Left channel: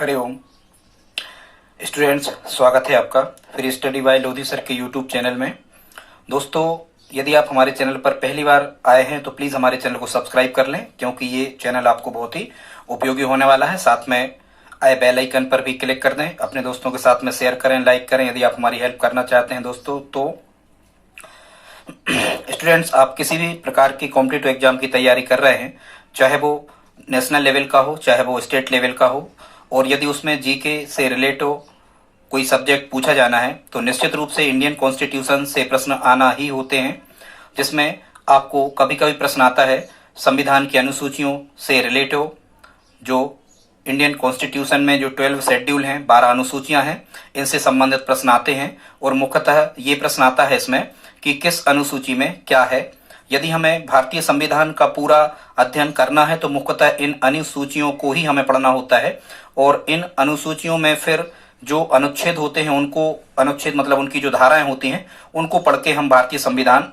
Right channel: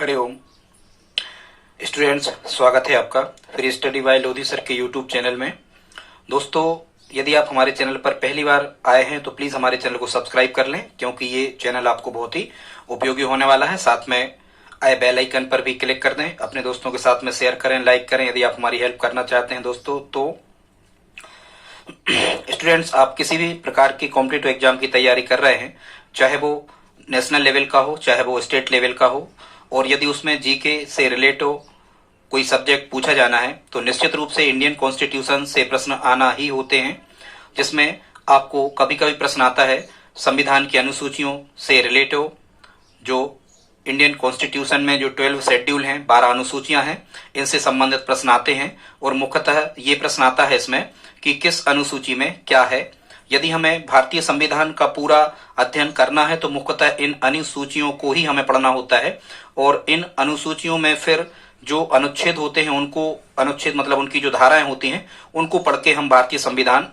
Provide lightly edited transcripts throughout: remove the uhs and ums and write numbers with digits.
Hariom students, स्वागत है आपका free study bye Lodhi sir के यूट्यूब चैनल में। दोस्तों, यदि आप हमारे चैनल पर पहली बार आए हैं तो प्लीज हमारे चैनल को सब्सक्राइब कर लें, क्योंकि ये चैनल आपको बहुत ही उपयोगी होने वाला है। साथ में आए बेल आइकन पर भी क्लिक कर दें, अपने दोस्तों के साथ में शेयर करें, लाइक करें यदि आप हमारी हेल्प करना चाहते हैं दोस्तों। तो स्टूडेंट्स, आप किसी भी प्रकार की कॉम्पिटिटिव एग्जाम की तैयारी कर रहे हैं, चाहे वो नेशनल लेवल का हो चाहे वो स्टेट लेवल का हो, और यदि उसमें जीके से रिलेट हो कोई सब्जेक्ट पूछा जाना है तो निश्चित रूप से इंडियन कॉन्स्टिट्यूशन से प्रश्न आना ही होते हैं, जिसमें आपको कभी कभी प्रश्न आता है संविधान की अनुसूचियों से रिलेट हो। जो इंडियन कॉन्स्टिट्यूशन में जो 12 शेड्यूल हैं, 12 अनुसूचियां हैं, इनसे संबंधित प्रश्न आते हैं। और मुख्यतः ये प्रश्न आता है इसमें कि किस अनुसूची में क्या है। यदि हमें भारतीय संविधान का पूरा अध्ययन करना है तो मुख्यतः इन अनुसूचियों को ही हमें पढ़ना होता है, और इन अनुसूचियों में फिर जो अनुच्छेद होते हैं उनको, अनुच्छेद मतलब उनकी जो धाराएं होती हैं, उनको पढ़ के हम भारतीय संविधान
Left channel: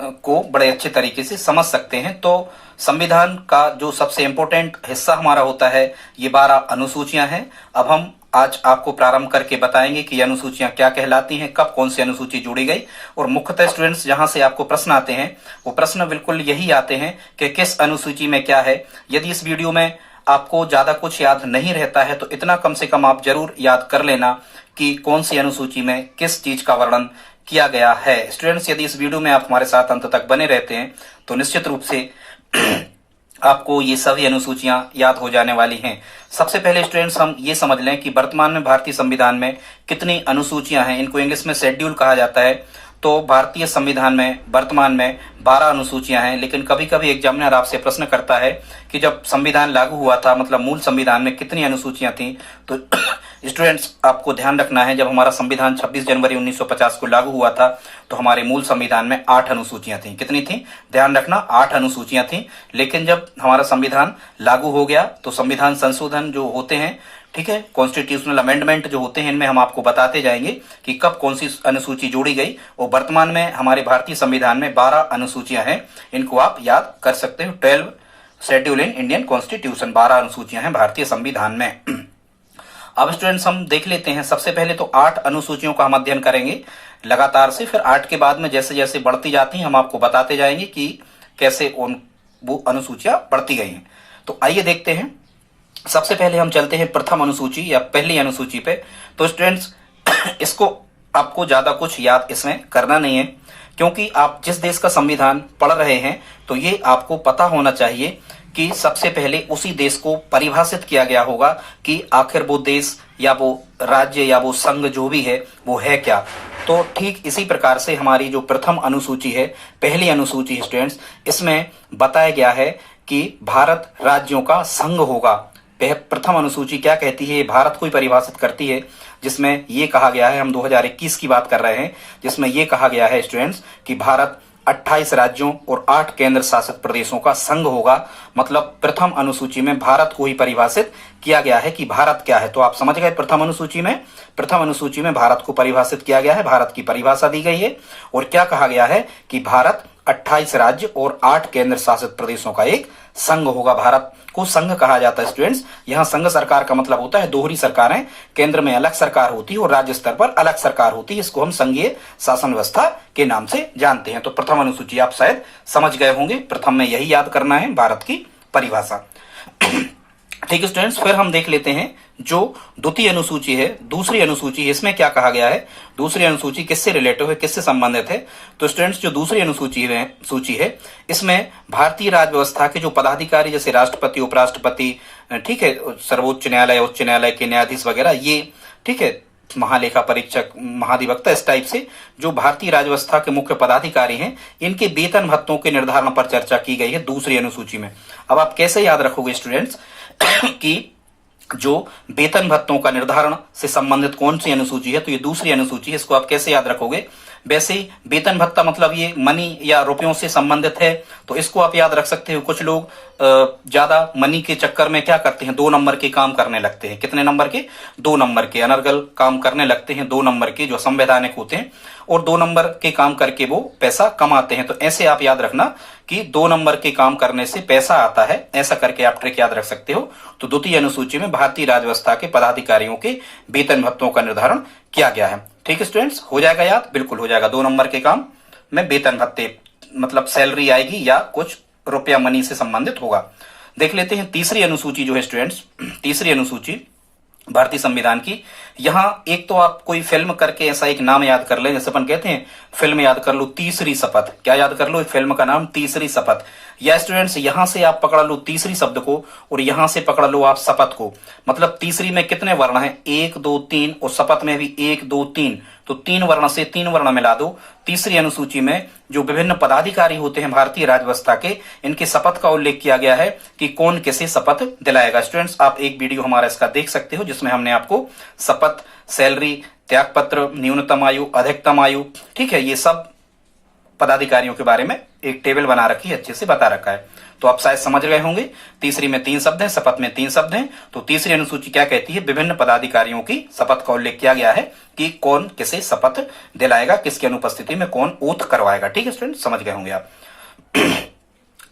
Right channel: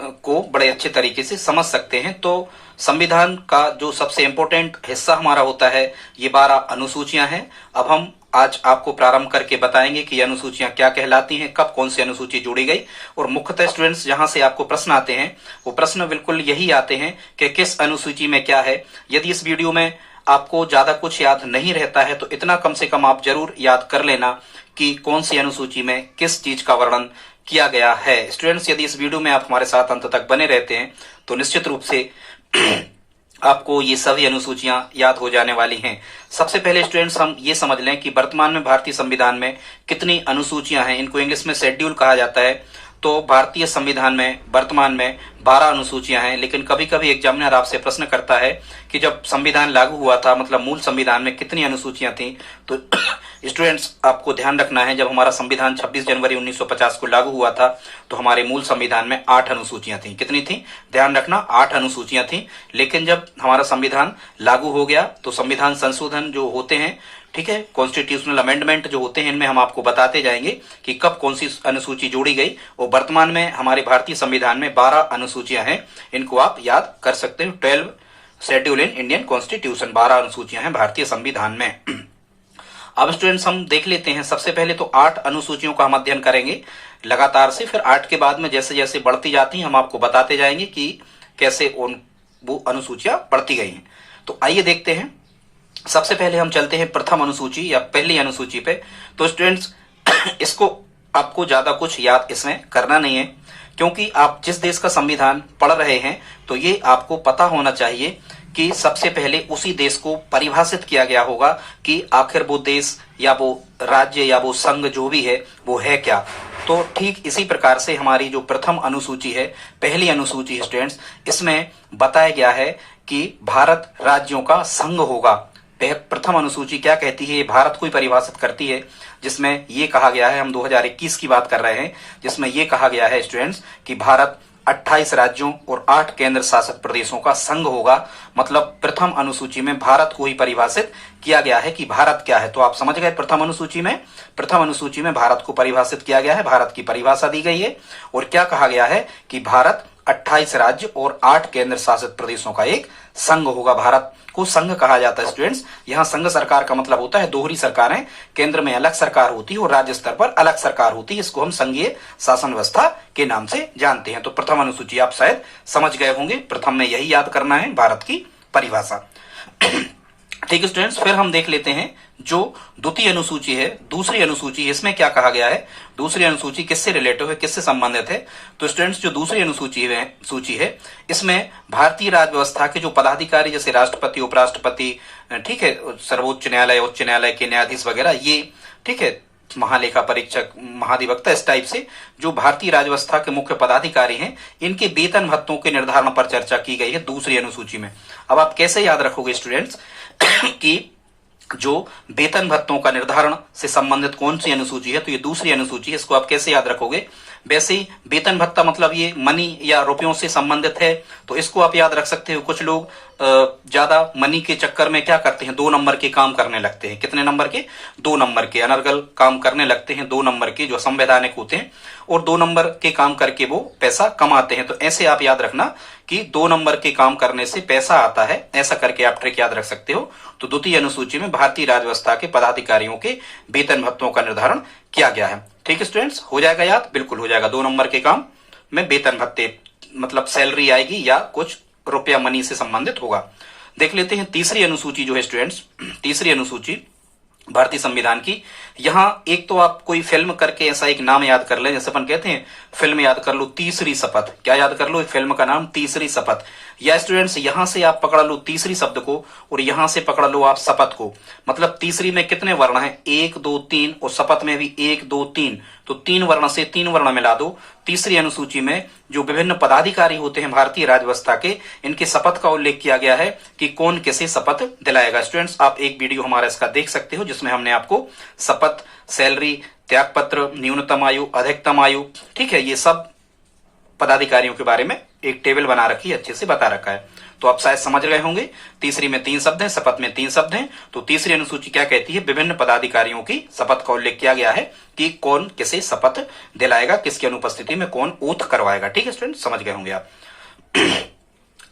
को बड़े अच्छे तरीके से समझ सकते हैं। तो संविधान का जो सबसे इम्पोर्टेंट हिस्सा हमारा होता है ये 12 अनुसूचियां हैं। अब हम आज आपको प्रारंभ करके बताएंगे कि ये अनुसूचियां क्या कहलाती हैं, कब कौन सी अनुसूची जोड़ी गई, और मुख्यतः स्टूडेंट्स जहां से आपको प्रश्न आते हैं वो प्रश्न बिल्कुल यही आते हैं कि किस अनुसूची में क्या है। यदि इस वीडियो में आपको ज्यादा कुछ याद नहीं रहता है तो इतना कम से कम आप जरूर याद कर लेना कि कौन सी अनुसूची में किस चीज का वर्णन किया गया है। स्टूडेंट्स, यदि इस वीडियो में आप हमारे साथ अंत तक बने रहते हैं तो निश्चित रूप से आपको ये सभी अनुसूचियां याद हो जाने वाली हैं। सबसे पहले स्टूडेंट्स हम ये समझ लें कि वर्तमान में भारतीय संविधान में कितनी अनुसूचियां हैं। इनको इंग्लिश में शेड्यूल कहा जाता है। तो भारतीय संविधान में वर्तमान में 12 अनुसूचियां हैं, लेकिन कभी कभी एग्जामिनर आपसे प्रश्न करता है कि जब संविधान लागू हुआ था, मतलब मूल संविधान में कितनी अनुसूचियां थी। तो स्टूडेंट्स, आपको ध्यान रखना है, जब हमारा संविधान 26 जनवरी 1950 को लागू हुआ था तो हमारे मूल संविधान में 8 अनुसूचियां थी। कितनी थी? ध्यान रखना, 8 अनुसूचियां थी। लेकिन जब हमारा संविधान लागू हो गया तो संविधान संशोधन जो होते हैं, ठीक है, कॉन्स्टिट्यूशनल अमेंडमेंट जो होते हैं, इनमें हम आपको बताते जाएंगे कि कब कौन सी अनुसूची जोड़ी गई। और वर्तमान में हमारे भारतीय संविधान में 12 अनुसूचियां हैं, इनको आप याद कर सकते हो। 12 शेड्यूल इन इंडियन कॉन्स्टिट्यूशन, 12 अनुसूचियां हैं भारतीय संविधान में। अब स्टूडेंट्स हम देख लेते हैं, सबसे पहले तो 8 अनुसूचियों का हम अध्ययन करेंगे लगातार से, फिर 8 के बाद में जैसे जैसे बढ़ती जाती हैं हम आपको बताते जाएंगे कि कैसे वो अनुसूचियां बढ़ती गई हैं। तो आइए देखते हैं। सबसे पहले हम चलते हैं प्रथम अनुसूची या पहली अनुसूची पे। तो स्टूडेंट्स, इसको आपको ज्यादा कुछ याद इसमें करना नहीं है, क्योंकि आप जिस देश का संविधान पढ़ रहे हैं तो ये आपको पता होना चाहिए कि सबसे पहले उसी देश को परिभाषित किया गया होगा कि आखिर वो देश या वो राज्य या वो संघ जो भी है वो है क्या। तो ठीक इसी प्रकार से हमारी जो प्रथम अनुसूची है, पहली अनुसूची है स्टूडेंट्स, इसमें बताया गया है कि भारत राज्यों का संघ होगा। प्रथम अनुसूची क्या कहती है? भारत को ही परिभाषित करती है, जिसमें ये कहा गया है, हम 2021 की बात कर रहे हैं, जिसमें ये कहा गया है स्टूडेंट्स कि भारत 28 राज्यों और 8 केंद्र शासित प्रदेशों का संघ होगा। मतलब प्रथम अनुसूची में भारत को ही परिभाषित किया गया है कि भारत क्या है। तो आप समझ गए, प्रथम अनुसूची में भारत को परिभाषित किया गया है, भारत की परिभाषा दी गई है। और क्या कहा गया है कि भारत 28 राज्य और 8 केंद्र शासित प्रदेशों का एक संघ होगा। भारत को संघ कहा जाता है स्टूडेंट्स। यहाँ संघ सरकार का मतलब होता है दोहरी सरकारें, केंद्र में अलग सरकार होती है और राज्य स्तर पर अलग सरकार होती है। इसको हम संघीय शासन व्यवस्था के नाम से जानते हैं। तो प्रथम अनुसूची आप शायद समझ गए होंगे, प्रथम में यही याद करना है, भारत की परिभाषा। ठीक है स्टूडेंट्स, फिर हम देख लेते हैं जो द्वितीय अनुसूची है, दूसरी अनुसूची, इसमें क्या कहा गया है। दूसरी अनुसूची किससे रिलेटिव है, किससे संबंधित है? तो स्टूडेंट्स, जो दूसरी सूची है इसमें भारतीय राज्य व्यवस्था के जो पदाधिकारी, जैसे राष्ट्रपति, उपराष्ट्रपति, ठीक है, सर्वोच्च न्यायालय, उच्च न्यायालय के न्यायाधीश वगैरह, ये ठीक है, महालेखा परीक्षक, महाधिवक्ता, इस टाइप से जो भारतीय राज्य व्यवस्था के मुख्य पदाधिकारी हैं, इनके वेतन भत्तों के निर्धारण पर चर्चा की गई है दूसरी अनुसूची में। अब आप कैसे याद रखोगे स्टूडेंट्स कि जो वेतन भत्तों का निर्धारण से संबंधित कौन सी अनुसूची है, तो ये दूसरी अनुसूची है। इसको आप कैसे याद रखोगे? वैसे ही वेतन भत्ता मतलब ये मनी या रुपयों से संबंधित है, तो इसको आप याद रख सकते हो। कुछ लोग ज्यादा मनी के चक्कर में क्या करते हैं, 2 नंबर के काम करने लगते हैं। कितने नंबर के? 2 नंबर के अनर्गल काम करने लगते हैं, 2 नंबर के जो संवैधानिक होते हैं, और 2 नंबर के काम करके वो पैसा कमाते हैं। तो ऐसे आप याद रखना कि 2 नंबर के काम करने से पैसा आता है, ऐसा करके आप ट्रिक याद रख सकते हो। तो द्वितीय अनुसूची में भारतीय राज्य व्यवस्था के पदाधिकारियों के वेतन भत्तों का निर्धारण किया गया है। ठीक है स्टूडेंट्स, हो जाएगा याद? बिल्कुल हो जाएगा। 2 नंबर के काम में वेतन भत्ते मतलब सैलरी आएगी या कुछ रुपया मनी से संबंधित होगा। देख लेते हैं तीसरी अनुसूची जो है स्टूडेंट्स, तीसरी अनुसूची भारतीय संविधान की। यहां एक तो आप कोई फिल्म करके ऐसा एक नाम याद कर लें, जैसे अपन कहते हैं फिल्म याद कर लो तीसरी शपथ। क्या याद कर लो? फिल्म का नाम तीसरी शपथ। या स्टूडेंट्स यहां से आप पकड़ लो तीसरी शब्द को और यहां से पकड़ लो आप शपथ को। मतलब तीसरी में कितने वर्ण हैं? 1 2 3, और शपथ में भी 1 2 3, तो 3 वर्ण से 3 वर्ण मिला दो। तीसरी अनुसूची में जो विभिन्न पदाधिकारी होते हैं भारतीय राज्य व्यवस्था के, इनके शपथ का उल्लेख किया गया है कि कौन किसे शपथ दिलाएगा। स्टूडेंट्स आप एक वीडियो हमारा इसका देख सकते हो जिसमें हमने आपको शपथ, सैलरी, त्यागपत्र, न्यूनतम आयु, अधिकतम आयु, ठीक है, ये सब पदाधिकारियों के बारे में एक टेबल बना रखी है, अच्छे से बता रखा है। तो आप शायद समझ गए होंगे। तीसरी में 3 शब्द हैं, शपथ में 3 शब्द हैं। तो तीसरी अनुसूची क्या कहती है? विभिन्न पदाधिकारियों की शपथ का उल्लेख किया गया है कि कौन किसे शपथ दिलाएगा, किसकी अनुपस्थिति में कौन ओथ करवाएगा। ठीक है स्टूडेंट, समझ गए होंगे आप।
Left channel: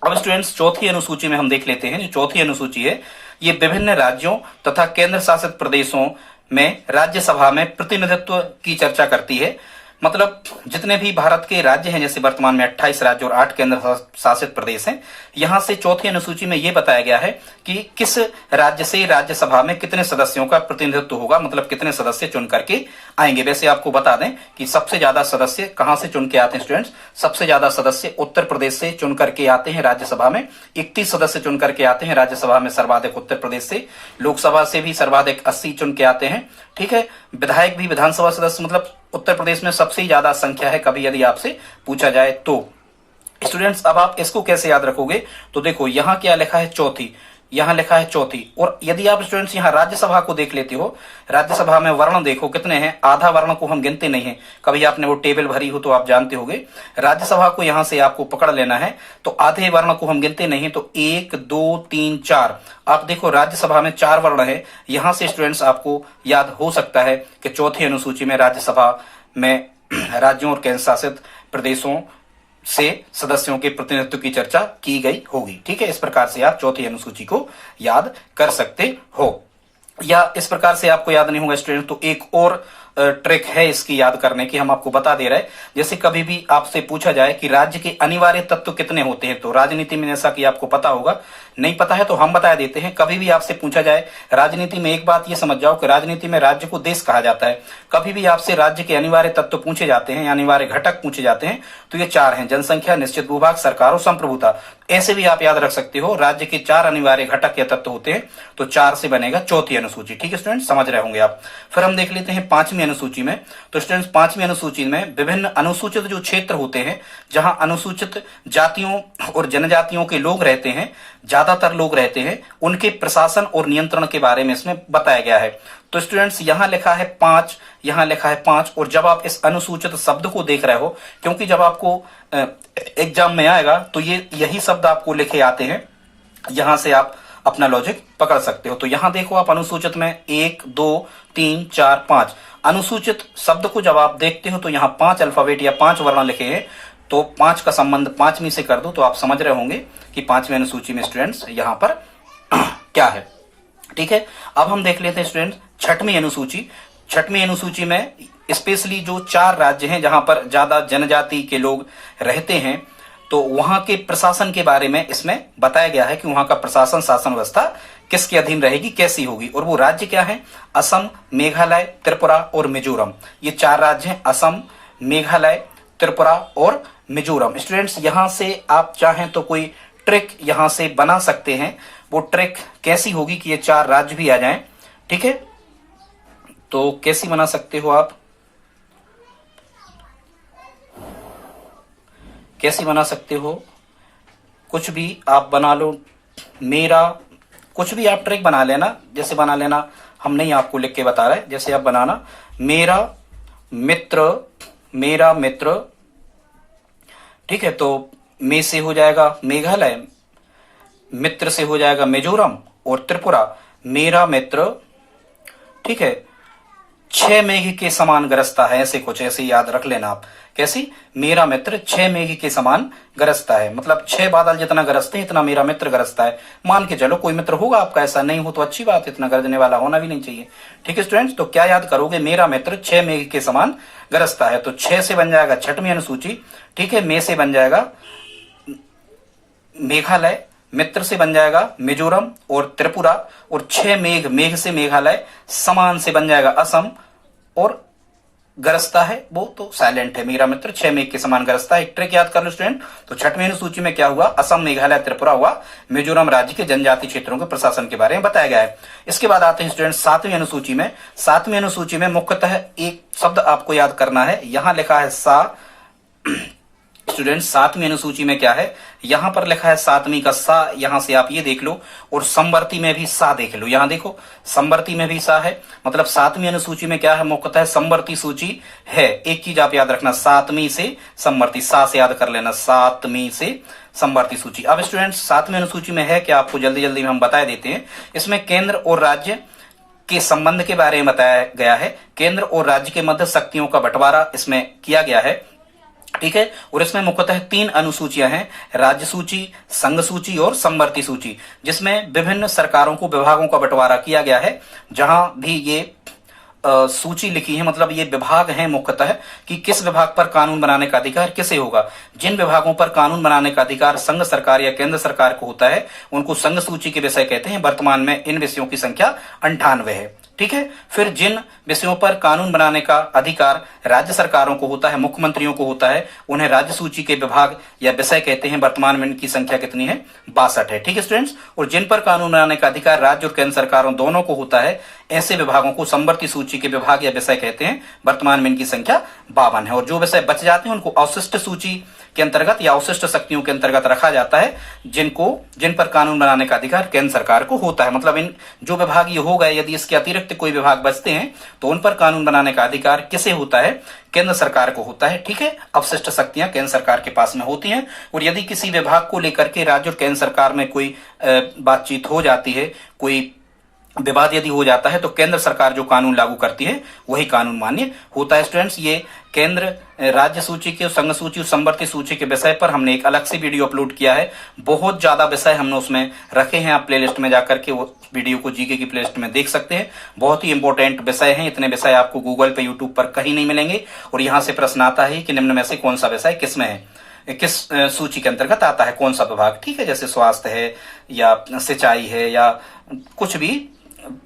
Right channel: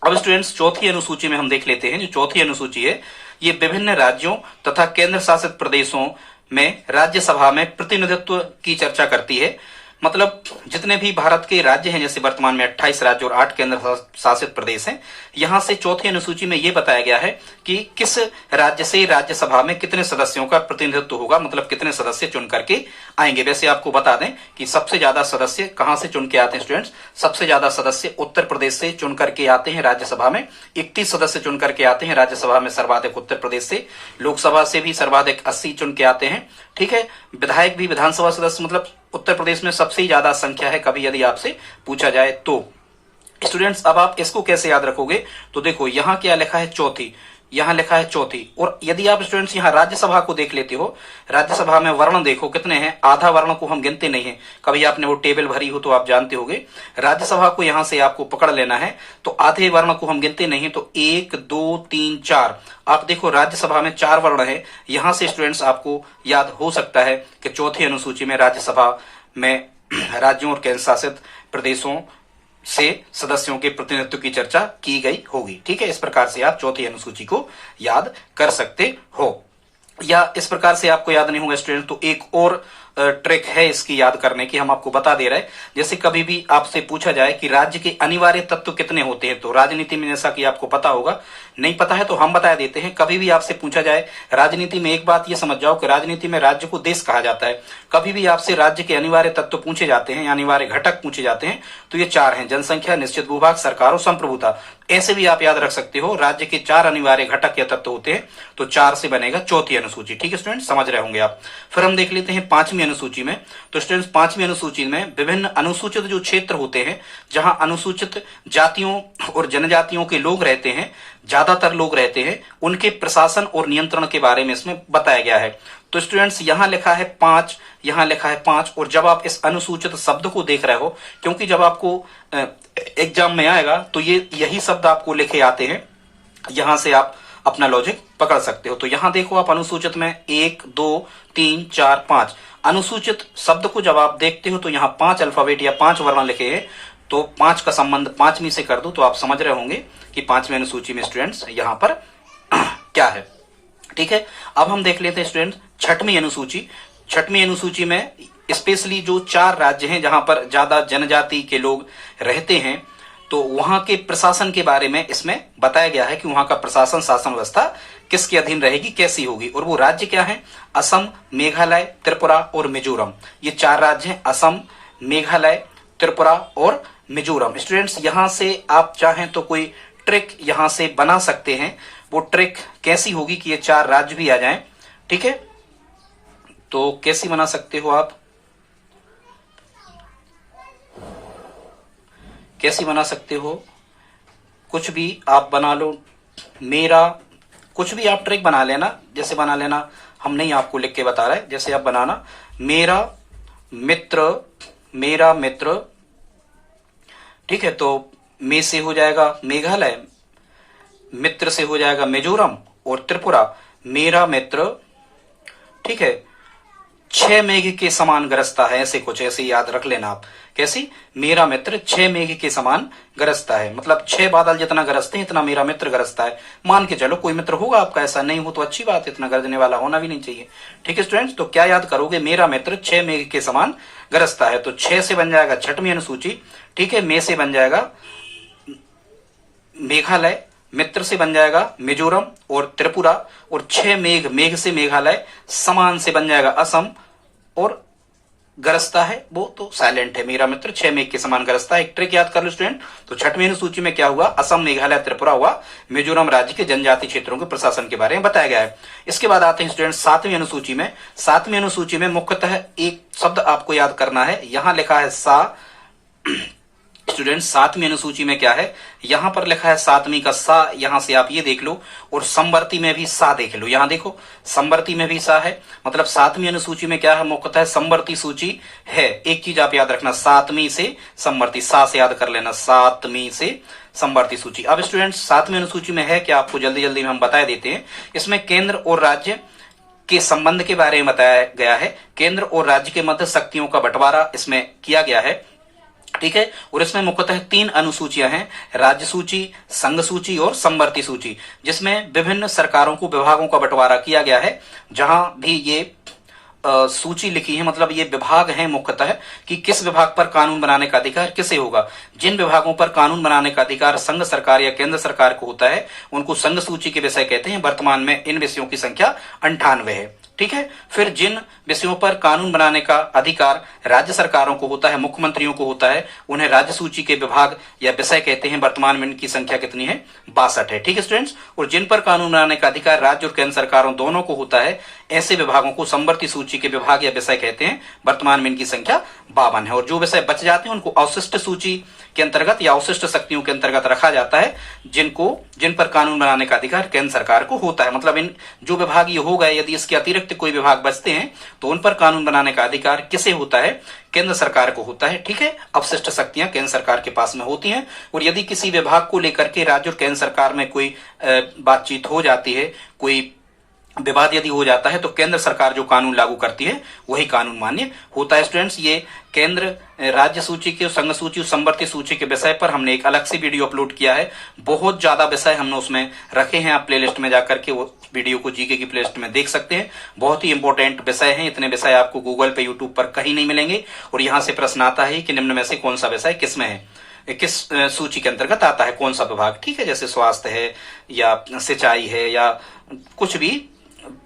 अब स्टूडेंट्स चौथी अनुसूची में हम देख लेते हैं। जो चौथी अनुसूची है ये विभिन्न राज्यों तथा केंद्र शासित प्रदेशों में राज्यसभा में प्रतिनिधित्व की चर्चा करती है। मतलब जितने भी भारत के राज्य हैं, जैसे वर्तमान में 28 राज्य और 8 केंद्र शासित प्रदेश हैं, यहां से चौथी अनुसूची में यह बताया गया है कि किस राज्य से राज्यसभा में कितने सदस्यों का प्रतिनिधित्व होगा, मतलब कितने सदस्य चुन करके आएंगे। वैसे आपको बता दें कि सबसे ज्यादा सदस्य कहां से चुन के आते हैं स्टूडेंट्स? सबसे ज्यादा सदस्य उत्तर प्रदेश से चुन करके आते हैं राज्यसभा में। 31 सदस्य चुन करके आते हैं राज्यसभा में, सर्वाधिक उत्तर प्रदेश से। लोकसभा से भी सर्वाधिक 80 चुन के आते हैं। ठीक है, विधायक भी विधानसभा सदस्य मतलब उत्तर प्रदेश में सबसे ज्यादा संख्या है, कभी यदि आपसे पूछा जाए तो। स्टूडेंट्स अब आप इसको कैसे याद रखोगे? तो देखो यहां क्या लिखा है? चौथी। यहां लिखा है चौथी। और यदि आप स्टूडेंट्स यहां राज्यसभा को देख लेते हो, राज्यसभा में वर्ण देखो कितने हैं। आधा वर्ण को हम गिनते नहीं है, कभी आपने वो टेबल भरी हो तो आप जानते होंगे। राज्यसभा को यहां से आपको पकड़ लेना है, तो आधे वर्ण को हम गिनते नहीं, तो 1 2 3 4। आप देखो राज्यसभा में 4 वर्ण है। यहां से स्टूडेंट्स आपको याद हो सकता है कि चौथी अनुसूची में राज्यसभा में राज्यों और केंद्र शासित प्रदेशों से सदस्यों के प्रतिनिधित्व की चर्चा की गई होगी। ठीक है, इस प्रकार से आप चौथी अनुसूची को याद कर सकते हो। या इस प्रकार से आपको याद नहीं होगा स्टूडेंट, तो एक और ट्रिक है इसकी याद करने की, हम आपको बता दे रहे हैं। जैसे कभी भी आपसे पूछा जाए कि राज्य के अनिवार्य तत्व कितने होते हैं, तो राजनीति में जैसा कि आपको पता होगा, नहीं पता है तो हम बता देते हैं। कभी भी आपसे पूछा जाए राजनीति में, एक बात ये समझ जाओ कि राजनीति में राज्य को देश कहा जाता है। कभी भी आपसे राज्य के अनिवार्य तत्व पूछे जाते हैं, अनिवार्य घटक पूछे जाते हैं, तो ये 4 हैं: जनसंख्या, निश्चित भूभाग, सरकार और संप्रभुता। ऐसे भी आप याद रख सकते हो, राज्य के 4 अनिवार्य घटक या तत्व होते हैं, तो 4 से बनेगा चौथी अनुसूची। ठीक है स्टूडेंट, समझ रहे होंगे आप। फिर हम देख लेते हैं 5वीं अनुसूची में। तो स्टूडेंट्स 5वीं अनुसूची में विभिन्न अनुसूचित जो क्षेत्र होते हैं, जहां अनुसूचित जातियों और जनजातियों के लोग रहते हैं, ज्यादातर लोग रहते हैं, उनके प्रशासन और नियंत्रण के बारे में इसमें बताया गया है। तो स्टूडेंट्स यहां लिखा है 5, यहां लिखा है 5, और जब आप इस अनुसूचित शब्द को देख रहे हो, क्योंकि जब आपको एग्जाम में आएगा तो ये यही शब्द आपको लिखे आते हैं, यहां से आप अपना लॉजिक पकड़ सकते हो। तो यहां देखो आप अनुसूचित में 1 2 3 4 5 अनुसूचित शब्द को जब आप देखते हो तो यहाँ 5 अल्फाबेट या 5 वर्ण लिखे हैं, तो 5 का संबंध 5वीं से कर दो, तो आप समझ रहे होंगे कि 5वीं अनुसूची में स्टूडेंट्स यहाँ पर क्या है। ठीक है, अब हम देख लेते हैं स्टूडेंट 6वीं अनुसूची। 6वीं अनुसूची में स्पेशली जो 4 राज्य हैं जहां पर ज्यादा जनजाति के लोग रहते हैं, तो वहां के प्रशासन के बारे में इसमें बताया गया है कि वहां का प्रशासन, शासन व्यवस्था किसके अधीन रहेगी, कैसी होगी। और वो राज्य क्या है? असम, मेघालय, त्रिपुरा और मिजोरम। ये 4 राज्य हैं, असम, मेघालय, त्रिपुरा और मिजोरम। स्टूडेंट्स यहां से आप चाहें तो कोई ट्रिक यहां से बना सकते हैं। वो ट्रिक कैसी होगी कि ये 4 राज्य भी आ जाएं। ठीक है, तो कैसी बना सकते हो आप? कैसी बना सकते हो? कुछ भी आप बना लो, मेरा कुछ भी आप ट्रिक बना लेना। जैसे बना लेना, हम नहीं आपको लिख के बता रहे, जैसे आप बनाना मेरा मित्र मेरा मित्र, ठीक है, तो मे से हो जाएगा मेघालय, मित्र से हो जाएगा मिजोरम और त्रिपुरा। मेरा मित्र, ठीक है, 6 मेघ के समान गरजता है, ऐसे कुछ ऐसे याद रख लेना आप। कैसी? मेरा मित्र 6 मेघ के समान गरजता है, मतलब 6 बादल जितना गरजते हैं इतना मेरा मित्र गरजता है। मान के चलो कोई मित्र होगा आपका, ऐसा नहीं हो तो अच्छी बात है, इतना गरजने वाला होना भी नहीं चाहिए। ठीक है स्टूडेंट्स, तो क्या याद करोगे? मेरा मित्र 6 मेघ के समान गरजता है, तो 6 से बन जाएगा छठवीं अनुसूची, ठीक है, मे से बन जाएगा मेघालय, मित्र से बन जाएगा मिजोरम और त्रिपुरा, और 6 मेघ, मेघ से मेघालय, समान से बन जाएगा असम, और गरजता है वो तो साइलेंट है, मेरा मित्र 6 मेघ के समान गरजता है। एक ट्रिक याद कर लो स्टूडेंट, तो छठवीं अनुसूची में क्या हुआ? असम, मेघालय, त्रिपुरा हुआ, मिजोरम राज्य के जनजातीय क्षेत्रों के प्रशासन के बारे में बताया गया है। इसके बाद आते हैं स्टूडेंट सातवीं अनुसूची में। सातवीं अनुसूची में मुख्यतः एक शब्द आपको याद करना है, यहां लिखा है सा। स्टूडेंट सातवीं अनुसूची में क्या है? यहां पर लिखा है सातवीं का सा, यहां से आप ये देख लो, और समवर्ती में भी सा देख लो, यहां देखो समवर्ती में भी सा है, मतलब सातवीं अनुसूची में क्या है? मुख्यतः समवर्ती सूची है। एक चीज आप याद रखना, सातवीं से समवर्ती, सा से याद कर लेना, सातवीं से समवर्ती सूची। अब स्टूडेंट सातवीं अनुसूची में है क्या, आपको जल्दी जल्दी में हम बता देते हैं। इसमें केंद्र और राज्य के संबंध के बारे में बताया गया है, केंद्र और राज्य के मध्य शक्तियों का बंटवारा इसमें किया गया है, ठीक है। और इसमें मुख्यतः 3 अनुसूचियां हैं, राज्य सूची, संघ सूची और समवर्ती सूची, जिसमें विभिन्न सरकारों को, विभागों का बंटवारा किया गया है। जहां भी ये सूची लिखी है, मतलब ये विभाग हैं मुख्यतः कि किस विभाग पर कानून बनाने का अधिकार किसे होगा। जिन विभागों पर कानून बनाने का अधिकार संघ सरकार या केंद्र सरकार को होता है, उनको संघ सूची के विषय कहते हैं। वर्तमान में इन विषयों की संख्या 98 है, ठीक है। फिर जिन विषयों पर कानून बनाने का अधिकार राज्य सरकारों को होता है, मुख्यमंत्रियों को होता है, उन्हें राज्य सूची के विभाग या विषय कहते हैं। वर्तमान में इनकी संख्या कितनी है? 62 है, ठीक है स्टूडेंट्स। और जिन पर कानून बनाने का अधिकार राज्य और केंद्र सरकारों दोनों को होता है, ऐसे विभागों को समवर्ती सूची के विभाग या विषय कहते हैं। वर्तमान में इनकी संख्या 52 है। और जो विषय बच जाते हैं उनको अवशिष्ट सूची के अंतर्गत या अवशिष्ट शक्तियों के अंतर्गत रखा जाता है, जिन पर कानून बनाने का अधिकार केंद्र सरकार को होता है। मतलब इन जो विभाग ये हो गए, यदि इसके अतिरिक्त कोई विभाग बचते हैं तो उन पर कानून बनाने का अधिकार किसे होता है? केंद्र सरकार को होता है, ठीक है। अवशिष्ट शक्तियां केंद्र सरकार के पास में होती हैं। और यदि किसी विभाग को लेकर के राज्य और केंद्र सरकार में कोई बातचीत हो जाती है, कोई विवाद यदि हो जाता है, तो केंद्र सरकार जो कानून लागू करती है वही कानून मान्य होता है। स्टूडेंट्स, ये केंद्र राज्य सूची के, संघ सूची और समवर्ती सूची के विषय पर हमने एक अलग से वीडियो अपलोड किया है। बहुत ज्यादा विषय हमने उसमें रखे हैं, आप प्लेलिस्ट में जाकर के वो वीडियो को जीके की प्लेलिस्ट में देख सकते हैं। बहुत ही इंपॉर्टेंट विषय हैं, इतने विषय आपको गूगल पे, यूट्यूब पर कहीं नहीं मिलेंगे। और यहाँ से प्रश्न आता है कि निम्न में से कौन सा विषय किस में है, किस सूची के अंतर्गत आता है, कौन सा विभाग, ठीक है। जैसे स्वास्थ्य है या सिंचाई है या कुछ भी,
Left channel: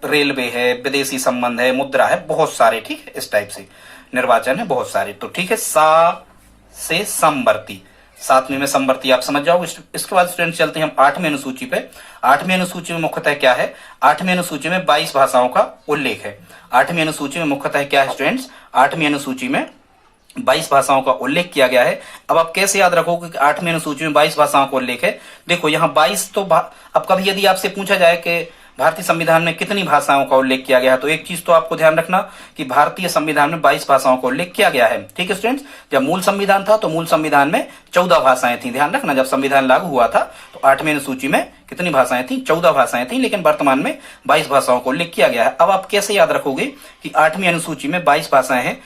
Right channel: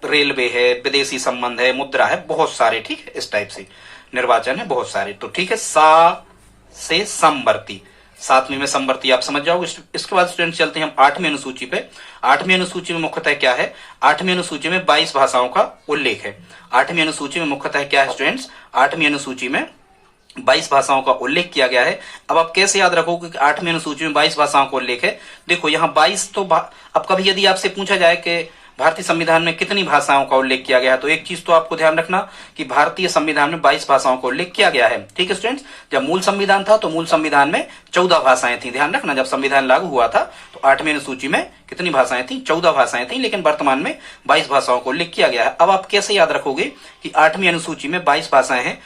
रेलवे है, विदेशी संबंध है, मुद्रा है, बहुत सारे, ठीक है, इस टाइप से निर्वाचन है, बहुत सारे। तो ठीक है, सा से समवर्ती, सातवीं में समवर्ती आप समझ जाओगे। इसके बाद स्टूडेंट चलते हैं हम 8वीं अनुसूची पे। 8वीं अनुसूची में मुख्यतः क्या है? 8वीं अनुसूची में 22 भाषाओं का उल्लेख है। 8वीं अनुसूची में मुख्यतः क्या है स्टूडेंट्स? 8वीं अनुसूची में 22 भाषाओं का उल्लेख किया गया है। अब आप कैसे याद रखोगे कि 8वीं अनुसूची में 22 भाषाओं का उल्लेख है? देखो यहाँ 22 तो अब कभी यदि आपसे पूछा जाए कि भारतीय संविधान में कितनी भाषाओं का उल्लेख किया गया है, तो एक चीज तो आपको ध्यान रखना कि भारतीय संविधान में 22 भाषाओं का उल्लेख किया गया है, ठीक है स्टूडेंट्स। जब मूल संविधान था तो मूल संविधान में 14 भाषाएं थी। ध्यान रखना, जब संविधान लागू हुआ था तो 8वीं अनुसूची में कितनी भाषाएं थी? 14 भाषाएं थी, लेकिन वर्तमान में 22 भाषाओं का उल्लेख किया गया है। अब आप कैसे याद रखोगे कि 8वीं अनुसूची में 22 भाषाएं हैं?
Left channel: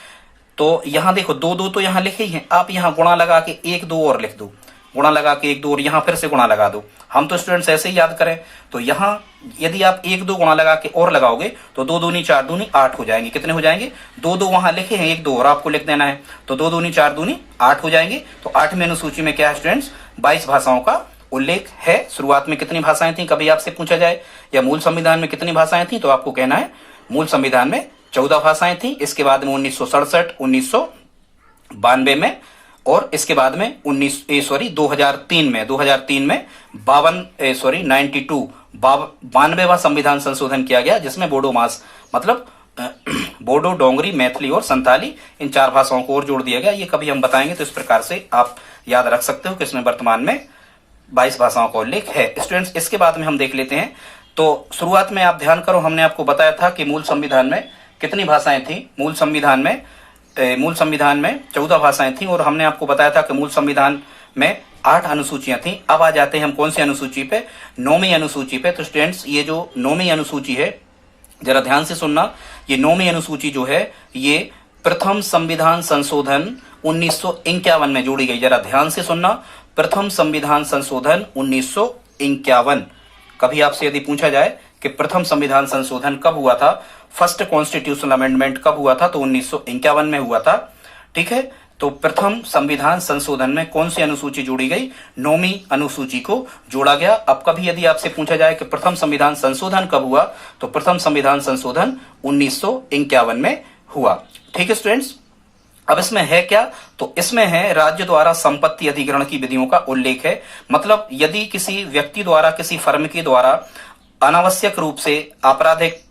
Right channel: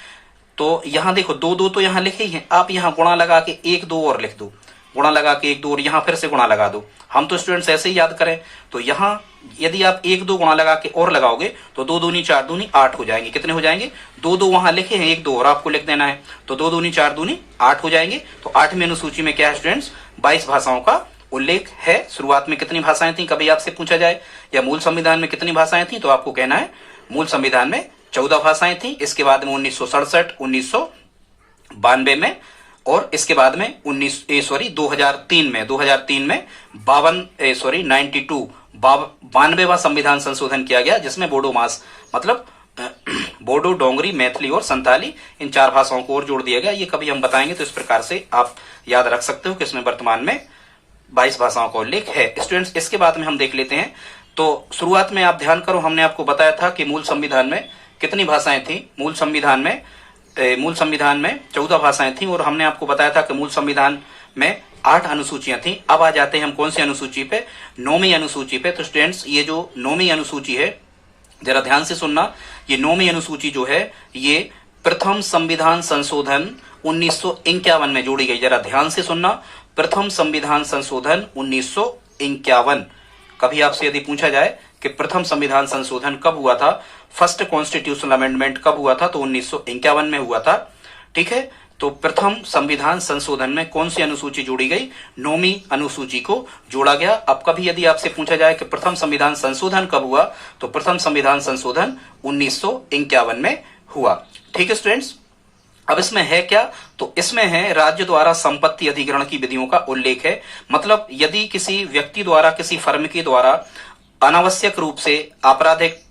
तो यहाँ देखो 2-2 तो यहाँ लिखे ही है, आप यहाँ गुणा लगा के 1-2 और लिख दो, गुणा लगा के 1-2 और यहाँ फिर से गुणा लगा दो। हम तो स्टूडेंट्स ऐसे ही याद करें, तो यहाँ यदि आप 1-2 गुणा लगा के और लगाओगे तो 2 दूनी 4 दूनी 8 हो जाएंगे। कितने हो जाएंगे? 2-2 वहां लिखे हैं, 1-2 और आपको लिख देना है, तो 2 दूनी 4 दूनी 8 हो जाएंगे। तो 8वीं अनुसूची में क्या है स्टूडेंट्स? 22 भाषाओं का उल्लेख है। शुरुआत में कितनी भाषाएं थी कभी आपसे पूछा जाए, या मूल संविधान में कितनी भाषाएं थी, तो आपको कहना है मूल संविधान में 14 भाषाएं थी। इसके बाद में 1967, 1992 में, और इसके बाद में 2003 में 92वां संविधान संशोधन किया गया, जिसमें बोडो मास मतलब बोडो, डोंगरी, मैथिली और संथाली, इन 4 भाषाओं को और जोड़ दिया गया। ये कभी हम बताएंगे, तो इस प्रकार से आप याद रख सकते हो कि इसमें वर्तमान में 22 भाषाओं का उल्लेख है। स्टूडेंट्स, इसके बाद में हम देख लेते हैं। तो शुरुआत में आप ध्यान करो, हमने आपको बताया था कि मूल संविधान में कितनी भाषाएं थी? मूल संविधान में मूल संविधान में 14 भाषाएं थी और हमने आपको बताया था कि मूल संविधान में 8 अनुसूचियां थी। अब आ जाते हैं हम कौन सी अनुसूची पे, 9वीं अनुसूची पे। तो स्टूडेंट्स ये जो 9वीं अनुसूची है, जरा ध्यान से सुनना, ये 9वीं अनुसूची जो है ये प्रथम संविधान संशोधन 1951 में जोड़ी गई। जरा ध्यान से सुनना, प्रथम संविधान संशोधन 1951। कभी आपसे यदि पूछा जाए कि प्रथम संविधान संशोधन कब हुआ था, फर्स्ट कॉन्स्टिट्यूशनल अमेंडमेंट कब हुआ था, तो 1951 में हुआ था। ठीक है, तो प्रथम संविधान संशोधन में कौन सी अनुसूची जोड़ी गई, 9वीं अनुसूची को जोड़ा गया। अब कभी यदि आपसे पूछा जाए कि प्रथम संविधान संशोधन कब हुआ, तो प्रथम संविधान संशोधन 1951 में हुआ। ठीक है स्टूडेंट्स, अब इसमें है क्या, तो इसमें है राज्य द्वारा संपत्ति अधिग्रहण की विधियों का उल्लेख है। मतलब यदि किसी व्यक्ति द्वारा, किसी फर्म के द्वारा अनावश्यक रूप से आपराधिक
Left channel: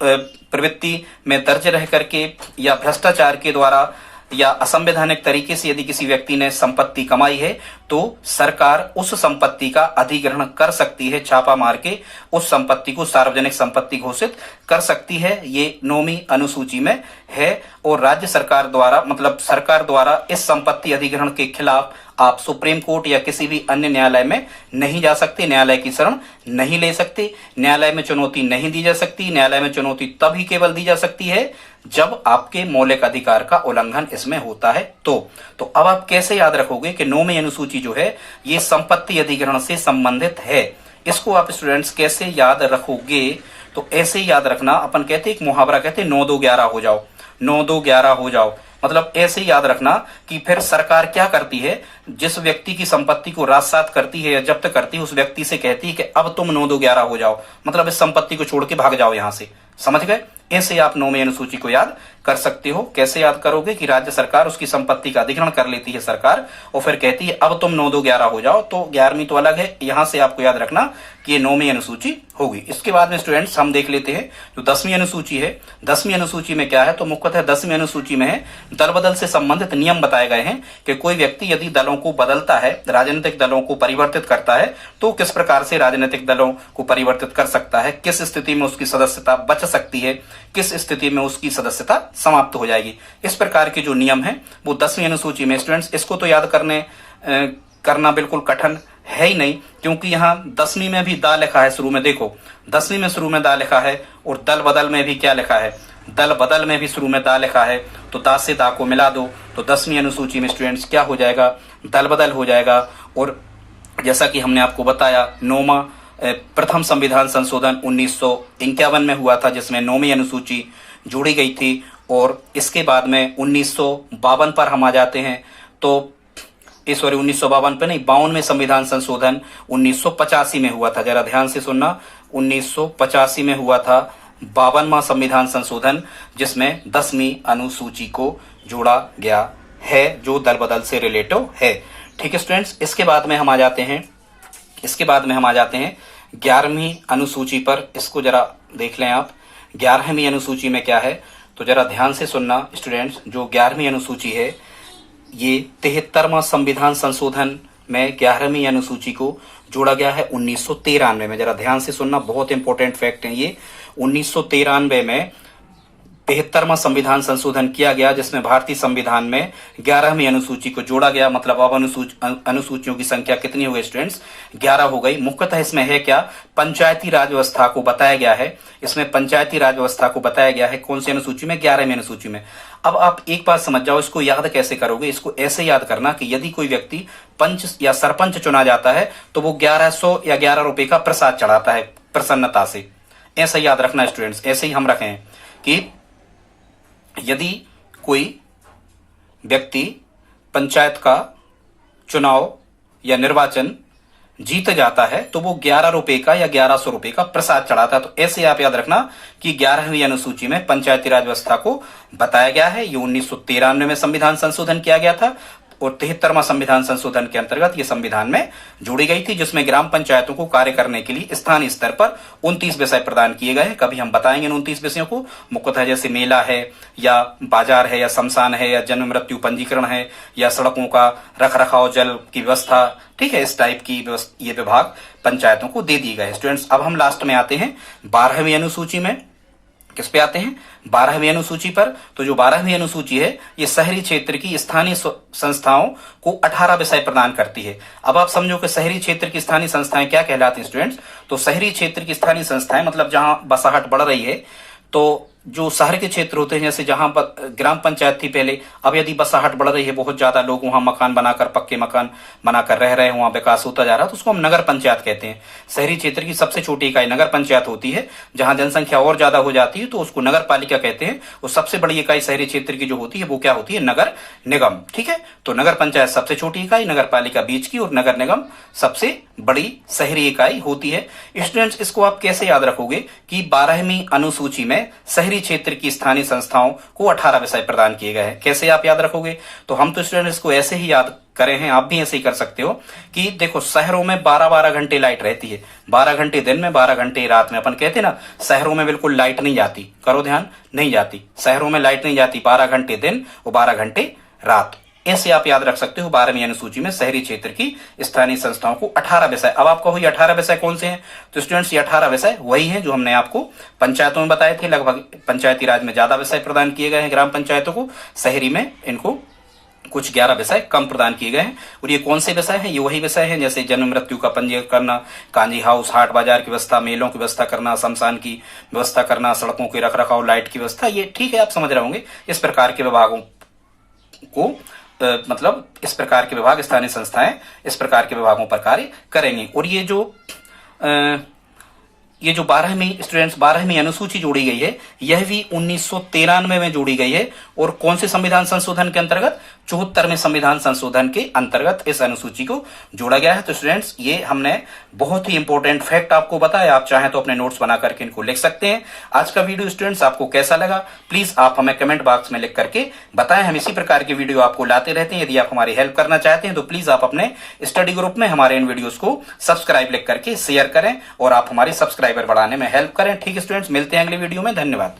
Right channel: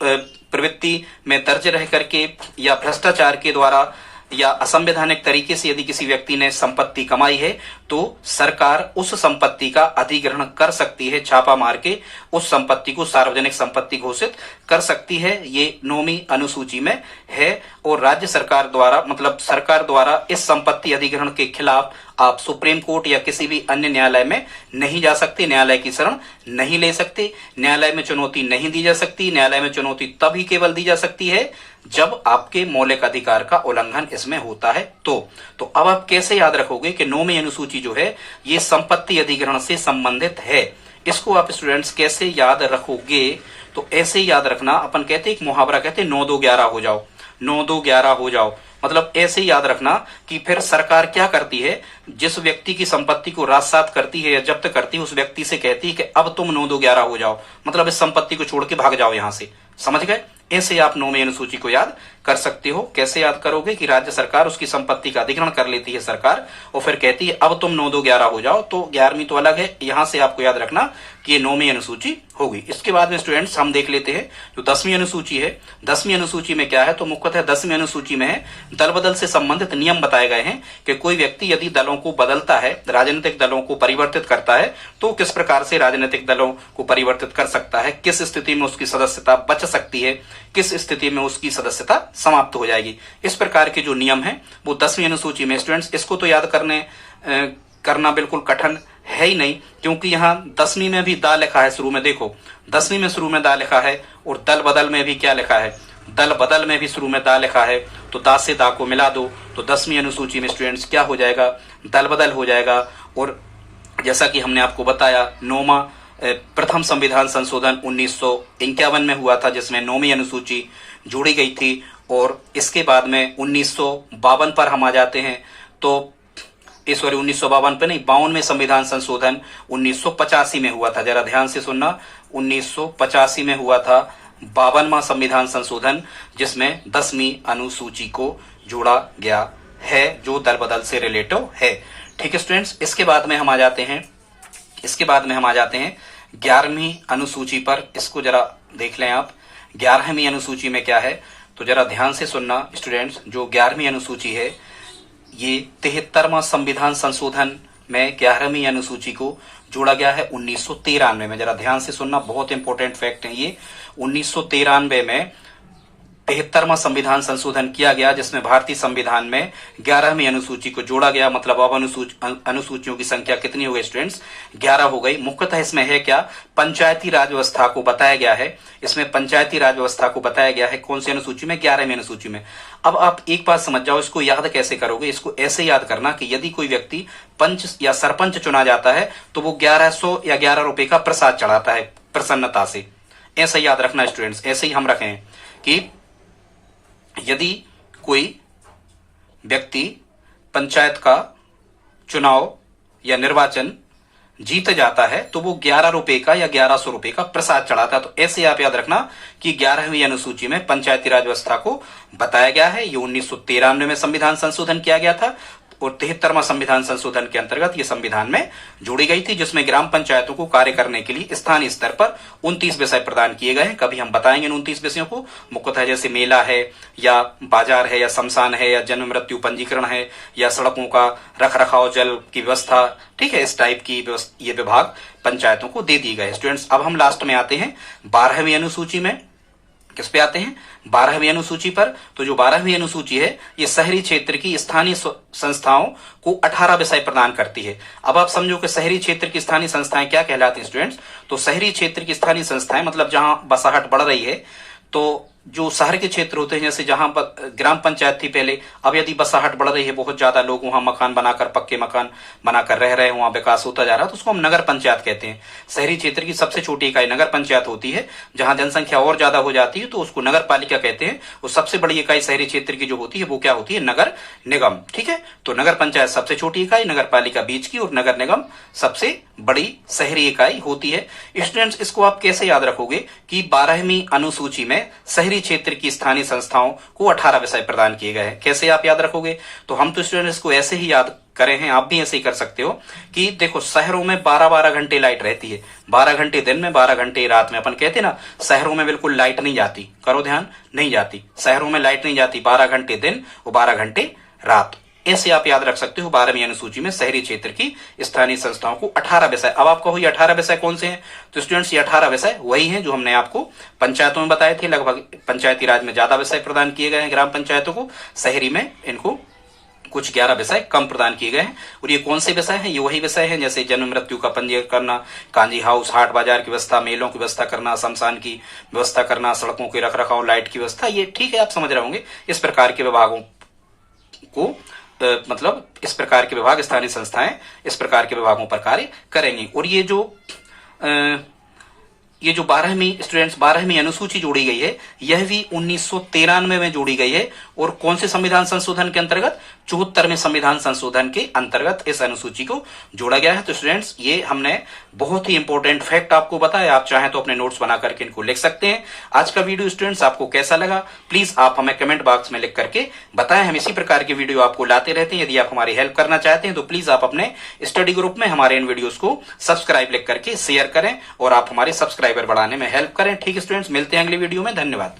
प्रवृत्ति में दर्ज रह करके या भ्रष्टाचार के द्वारा या असंवैधानिक तरीके से यदि किसी व्यक्ति ने संपत्ति कमाई है, तो सरकार उस संपत्ति का अधिग्रहण कर सकती है, छापा मार के उस संपत्ति को सार्वजनिक संपत्ति घोषित कर सकती है। ये 9वीं अनुसूची में है। और राज्य सरकार द्वारा, मतलब सरकार द्वारा इस संपत्ति अधिग्रहण के खिलाफ आप सुप्रीम कोर्ट या किसी भी अन्य न्यायालय में नहीं जा सकते, न्यायालय की शरण नहीं ले सकते, न्यायालय में चुनौती नहीं दी जा सकती। न्यायालय में चुनौती तभी केवल दी जा सकती है जब आपके मौलिक अधिकार का उल्लंघन इसमें होता है। तो अब आप कैसे याद रखोगे कि 9वीं अनुसूची जो है ये संपत्ति अधिग्रहण से संबंधित है। इसको आप स्टूडेंट्स कैसे याद रखोगे, तो ऐसे याद रखना। अपन कहते एक मुहावरा कहते 9-2-11 हो जाओ, 9-2-11 हो जाओ। मतलब ऐसे याद रखना कि फिर सरकार क्या करती है, जिस व्यक्ति की संपत्ति को राजसात करती है या जब्त करती है, उस व्यक्ति से कहती है कि अब तुम 9-2-11 हो जाओ, मतलब इस संपत्ति को छोड़ के भाग जाओ यहां से। समझ गए? ऐसे आप 9वीं अनुसूची को याद कर सकते हो। कैसे याद करोगे कि राज्य सरकार उसकी संपत्ति का अधिग्रहण कर लेती है सरकार, और फिर कहती है अब तुम 9-2-11 हो जाओ। तो 11वीं तो अलग है, यहां से आपको याद रखना कि ये 9वीं अनुसूची होगी। इसके बाद में स्टूडेंट्स हम देख लेते हैं जो 10वीं अनुसूची है। 10वीं अनुसूची में क्या है, तो मुख्यतः 10वीं अनुसूची में है दल बदल से संबंधित नियम बताए गए हैं कि कोई व्यक्ति यदि दलों को बदलता है, राजनीतिक दलों को परिवर्तित करता है, तो किस प्रकार से राजनीतिक दलों को परिवर्तित कर सकता है, किस स्थिति में उसकी सदस्यता बच सकती है, किस स्थिति में उसकी सदस्यता समाप्त हो जाएगी। इस प्रकार के जो नियम है वो 10वीं अनुसूची में। स्टूडेंट्स इसको तो याद करना बिल्कुल कठिन है ही नहीं, क्योंकि यहाँ 10वीं में भी दा लिखा है शुरू में। देखो 10वीं में शुरू में दा लिखा है, और दल बदल में भी क्या लिखा है, दल बदल में भी शुरू में दा लिखा है। तो दा से दा को मिला दो तो 10वीं अनुसूची में स्टूडेंट्स क्या हो जाएगा, दल बदल हो जाएगा। और जैसा कि हमने आपको बताया, 9वां प्रथम संविधान संशोधन 1951 में हुआ था, जिसमें 9वीं अनुसूची जोड़ी गई थी। और इसके बाद में 1952 पर हम आ जाते हैं। तो 1952 पे नहीं, 52 में संविधान संशोधन 1985 में हुआ था। जरा ध्यान से सुनना, 1985 में हुआ था 52वां संविधान संशोधन, जिसमें 10वीं अनुसूची को जोड़ा गया है, जो दल बदल से रिलेटिव है। ठीक है स्टूडेंट्स, इसके बाद में हम आ जाते हैं 11वीं अनुसूची पर। इसको जरा देख लें आप, 11वीं अनुसूची में क्या है, तो जरा ध्यान से सुनना स्टूडेंट्स। जो 11वीं अनुसूची है ये 73वां संविधान संशोधन में 11वीं अनुसूची को जोड़ा गया है 1993 में। जरा ध्यान से सुनना, बहुत इंपॉर्टेंट फैक्ट है ये। 1993 में 73वां संविधान संशोधन किया गया, जिसमें भारतीय संविधान में 11वीं अनुसूची को जोड़ा गया। मतलब अब अनुसूचियों की संख्या कितनी हो गई स्टूडेंट्स, 11 हो गई। मुख्यतः इसमें है क्या, पंचायती राज व्यवस्था को बताया गया है। इसमें पंचायती राज व्यवस्था को बताया गया है कौन सी अनुसूची में, 11वीं अनुसूची में। अब आप एक बात समझ जाओ, इसको याद कैसे करोगे। इसको ऐसे याद करना कि यदि कोई व्यक्ति पंच या सरपंच चुना जाता है तो वो 1100 या 11 रुपए का प्रसाद चढ़ाता है प्रसन्नता से। ऐसा याद रखना स्टूडेंट्स, ऐसे ही हम रखें कि यदि कोई व्यक्ति पंचायत का चुनाव या निर्वाचन जीत जाता है तो वो 11 रुपए का या 1100 रुपए का प्रसाद चढ़ाता है। तो ऐसे आप याद रखना कि 11वीं अनुसूची में पंचायती राज व्यवस्था को बताया गया है। ये 1993 में संविधान संशोधन किया गया था, और 73वां संविधान संशोधन के अंतर्गत ये संविधान में जोड़ी गई थी, जिसमें ग्राम पंचायतों को कार्य करने के लिए स्थानीय स्तर पर 29 विषय प्रदान किए गए हैं। कभी हम बताएंगे इन 29 विषयों को। मुख्यतः जैसे मेला है, या बाजार है, या शमशान है, या जन्म मृत्यु पंजीकरण है, या सड़कों का रख रखाव, जल की व्यवस्था। ठीक है, इस टाइप की ये विभाग पंचायतों को दे दी गए। स्टूडेंट्स अब हम लास्ट में आते हैं 12वीं अनुसूची में। किस पे आते हैं? 12वीं अनुसूची पर। तो जो 12वीं अनुसूची है ये शहरी क्षेत्र की स्थानीय संस्थाओं को 18 विषय प्रदान करती है। अब आप समझो कि शहरी क्षेत्र की स्थानीय संस्थाएं क्या कहलाती हैं स्टूडेंट्स? तो शहरी क्षेत्र की स्थानीय संस्थाएं मतलब जहां बसाहट बढ़ रही है, तो जो शहर के क्षेत्र होते हैं, जैसे जहां ग्राम पंचायत थी पहले, अब यदि बसाहट बढ़ रही है, बहुत ज्यादा लोग वहां मकान बनाकर, पक्के मकान बनाकर रह रहे हैं, वहां विकास होता जा रहा है, तो उसको हम नगर पंचायत कहते हैं। शहरी क्षेत्र की सबसे छोटी इकाई नगर पंचायत होती है। जहां जनसंख्या और ज्यादा हो जाती है तो उसको नगर पालिका कहते हैं, और सबसे बड़ी इकाई शहरी क्षेत्र की जो होती है वो क्या होती है? नगर निगम। ठीक है, तो नगर पंचायत सबसे छोटी इकाई, नगर पालिका बीच की, और नगर निगम सबसे बड़ी शहरी इकाई होती है। स्टूडेंट्स, इसको आप कैसे याद रखोगे कि 12वीं अनुसूची में शहरी क्षेत्र की स्थानीय संस्थाओं को 18 विषय प्रदान किए गए हैं। कैसे आप याद रखोगे? तो हम तो स्टूडेंट्स इसको ऐसे ही याद करे हैं, आप भी ऐसे ही कर सकते हो कि देखो, शहरों में 12-12 घंटे लाइट रहती है, 12 घंटे दिन में, 12 घंटे रात में। अपन कहते हैं ना, शहरों में बिल्कुल लाइट नहीं जाती, करो ध्यान, नहीं जाती, शहरों में लाइट नहीं जाती, 12 घंटे दिन और 12 घंटे रात। ऐसे आप याद रख सकते हो 12वीं अनुसूची में शहरी क्षेत्र की स्थानीय संस्थाओं को 18 विषय। अब आप कहो ये 18 विषय कौन से हैं? तो स्टूडेंट्स, ये 18 विषय वही हैं जो हमने आपको पंचायतों में बताए थे। लगभग पंचायती राज में ज्यादा विषय प्रदान किए गए हैं ग्राम पंचायतों को, शहरी में इनको कुछ 11 विषय कम प्रदान किए गए हैं। और ये कौन से विषय हैं? ये वही विषय हैं जैसे जन्म मृत्यु का पंजीयन करना, कांजी हाउस, हाट बाजार की व्यवस्था, मेलों की व्यवस्था करना, शमशान की व्यवस्था करना, सड़कों के रखरखाव, लाइट की व्यवस्था। ये ठीक है, आप समझ रहे होंगे। इस प्रकार के विभागों को मतलब इस प्रकार के विभाग, स्थानीय संस्थाएं इस प्रकार के विभागों पर कार्य करेंगी। और ये जो 12वीं अनुसूची जोड़ी गई है, यह भी 1993 में जोड़ी गई है। और कौन से संविधान संशोधन के अंतर्गत? 74वें संविधान संशोधन के अंतर्गत इस अनुसूची को जोड़ा गया है। तो स्टूडेंट्स, ये हमने बहुत ही इंपॉर्टेंट फैक्ट आपको बताया। आप चाहें तो अपने नोट्स बना करके इनको लिख सकते हैं। आज का वीडियो स्टूडेंट्स आपको कैसा लगा, प्लीज आप हमें कमेंट बॉक्स में लिख करके बताएं। हम इसी प्रकार की वीडियो आपको लाते रहते हैं। यदि आप हमारी हेल्प करना चाहते हैं तो प्लीज आप अपने स्टडी ग्रुप में हमारे इन वीडियोस को सब्सक्राइब लिख करके शेयर करें और आप हमारे सब्सक्राइबर बढ़ाने में हेल्प करें। ठीक है स्टूडेंट्स, मिलते हैं अगली वीडियो में। धन्यवाद।